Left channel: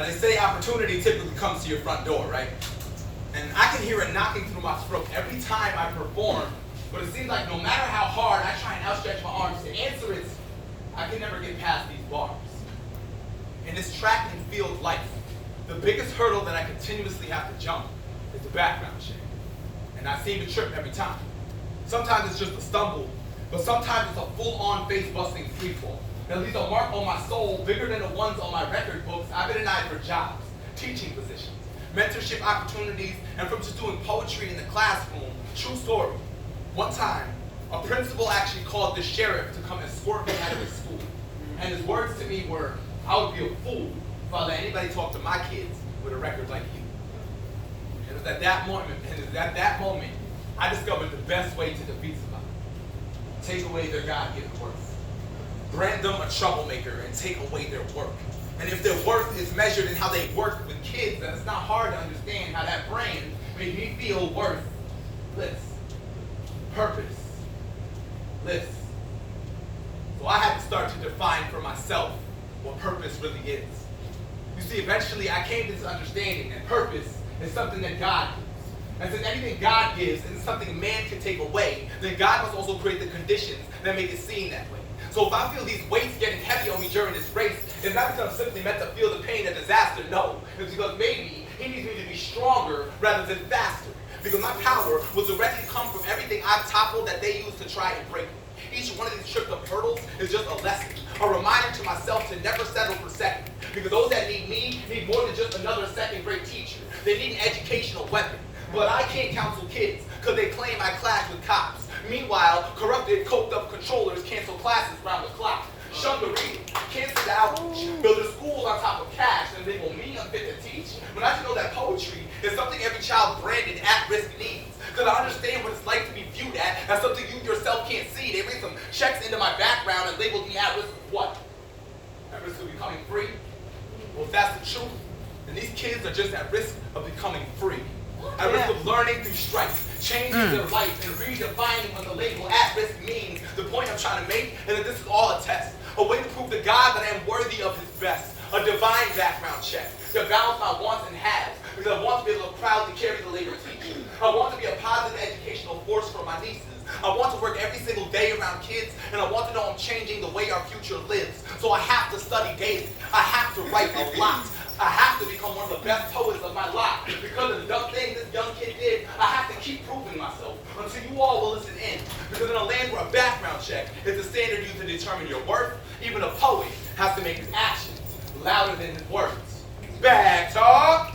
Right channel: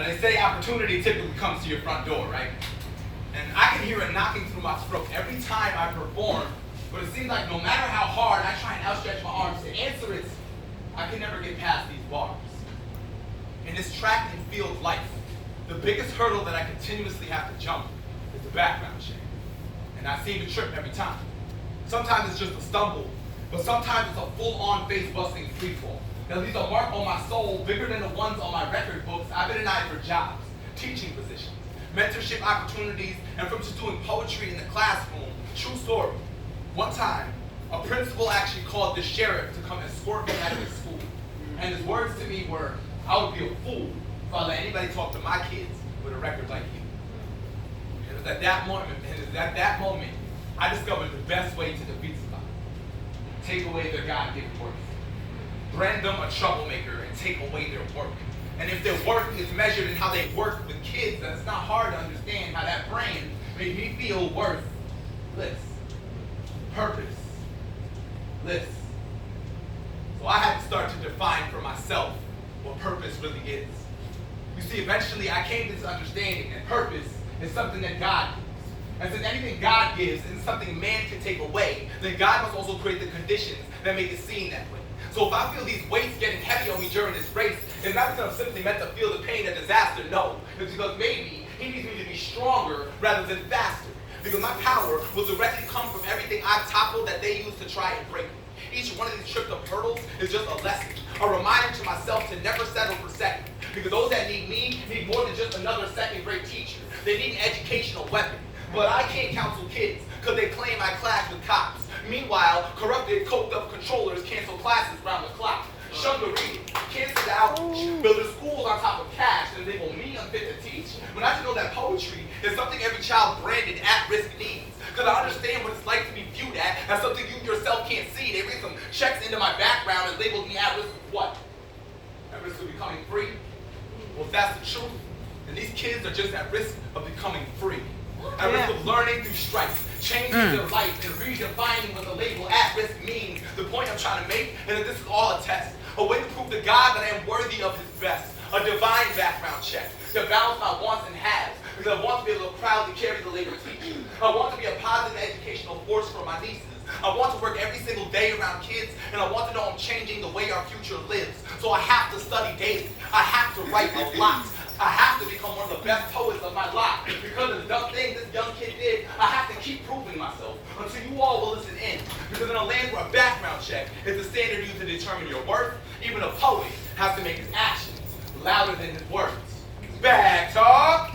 Now they say opportunity typically comes to your front door, right? And I can hear it knocking through my throat every time I perform, but it seems like no matter how hard I try and outstretch my arms to answer it, I can never get past these bars. In this track and field life, the biggest hurdle that I continuously have to jump is the background check. And I seem to trip every time. Sometimes it's just a stumble, but sometimes it's a full-on face-busting freefall that leaves a mark on my soul bigger than the ones on my record books. I've been denied for jobs, teaching positions, mentorship opportunities, and from just doing poetry in the classroom. True story. One time, a principal actually called the sheriff to come escort me out of his school. And his words to me were, I would be a fool if I let anybody talk to my kids with a record like you. And it was at that moment, I discovered the best way to defeat somebody. Take away their God-given worth. Brand them a troublemaker and take away their work. And if their worth is measured in how they work with kids, then it's not hard to understand how that brain made me feel worthless. Purposeless. So I had to start to define for myself what purpose really is. You see, eventually I came to this understanding that purpose is something that God gives. And since anything God gives is something man can take away, then God must also create the conditions that make it seem that way. So if I feel these weights getting heavy on me during this race, it's not because I'm simply meant to feel the pain of disaster, no. It's because maybe he needs me to be stronger rather than faster. Because my power will directly come from everything I've toppled that they use to try and break me. Each one of these tripped up hurdles is just a lesson, a reminder to myself to never settle for second. Because those that need me need more than just another second-grade teacher. They need an educational weapon. But I can't counsel kids because they claim I clash with cops. Meanwhile, corrupted, coked-up controllers cancel classes round the clock. Shun the reading, cancel the outreach, build a school on top of cash, and they will me unfit to teach. But I just know that poetry is something every child branded at-risk needs. Because I understand what it's like to be viewed as something you yourself can't see. They ran some checks into my background and labeled me at risk of what? At risk of becoming free? Well, if that's the truth, then these kids are just at risk of becoming free. At risk of learning through strife, changing their life, and redefining what the label at-risk means. The point I'm trying to make is that this is all a test. A way to prove to God that I am worthy of his best. A divine background check to balance my wants and haves. Because I want to be able to proudly carry the label of teaching. I want to be a positive educational force for my nieces. I want to work every single day around kids, and I want to know I'm changing the way our future lives. So I have to study daily. I have to write a lot. I have to become one of the best poets of my life. Because of the dumb thing this young kid did, I have to keep proving myself until you all will listen in. Because in a land where a background check is the standard used to determine your worth, even a poet has to make his actions louder than his words. Back talk!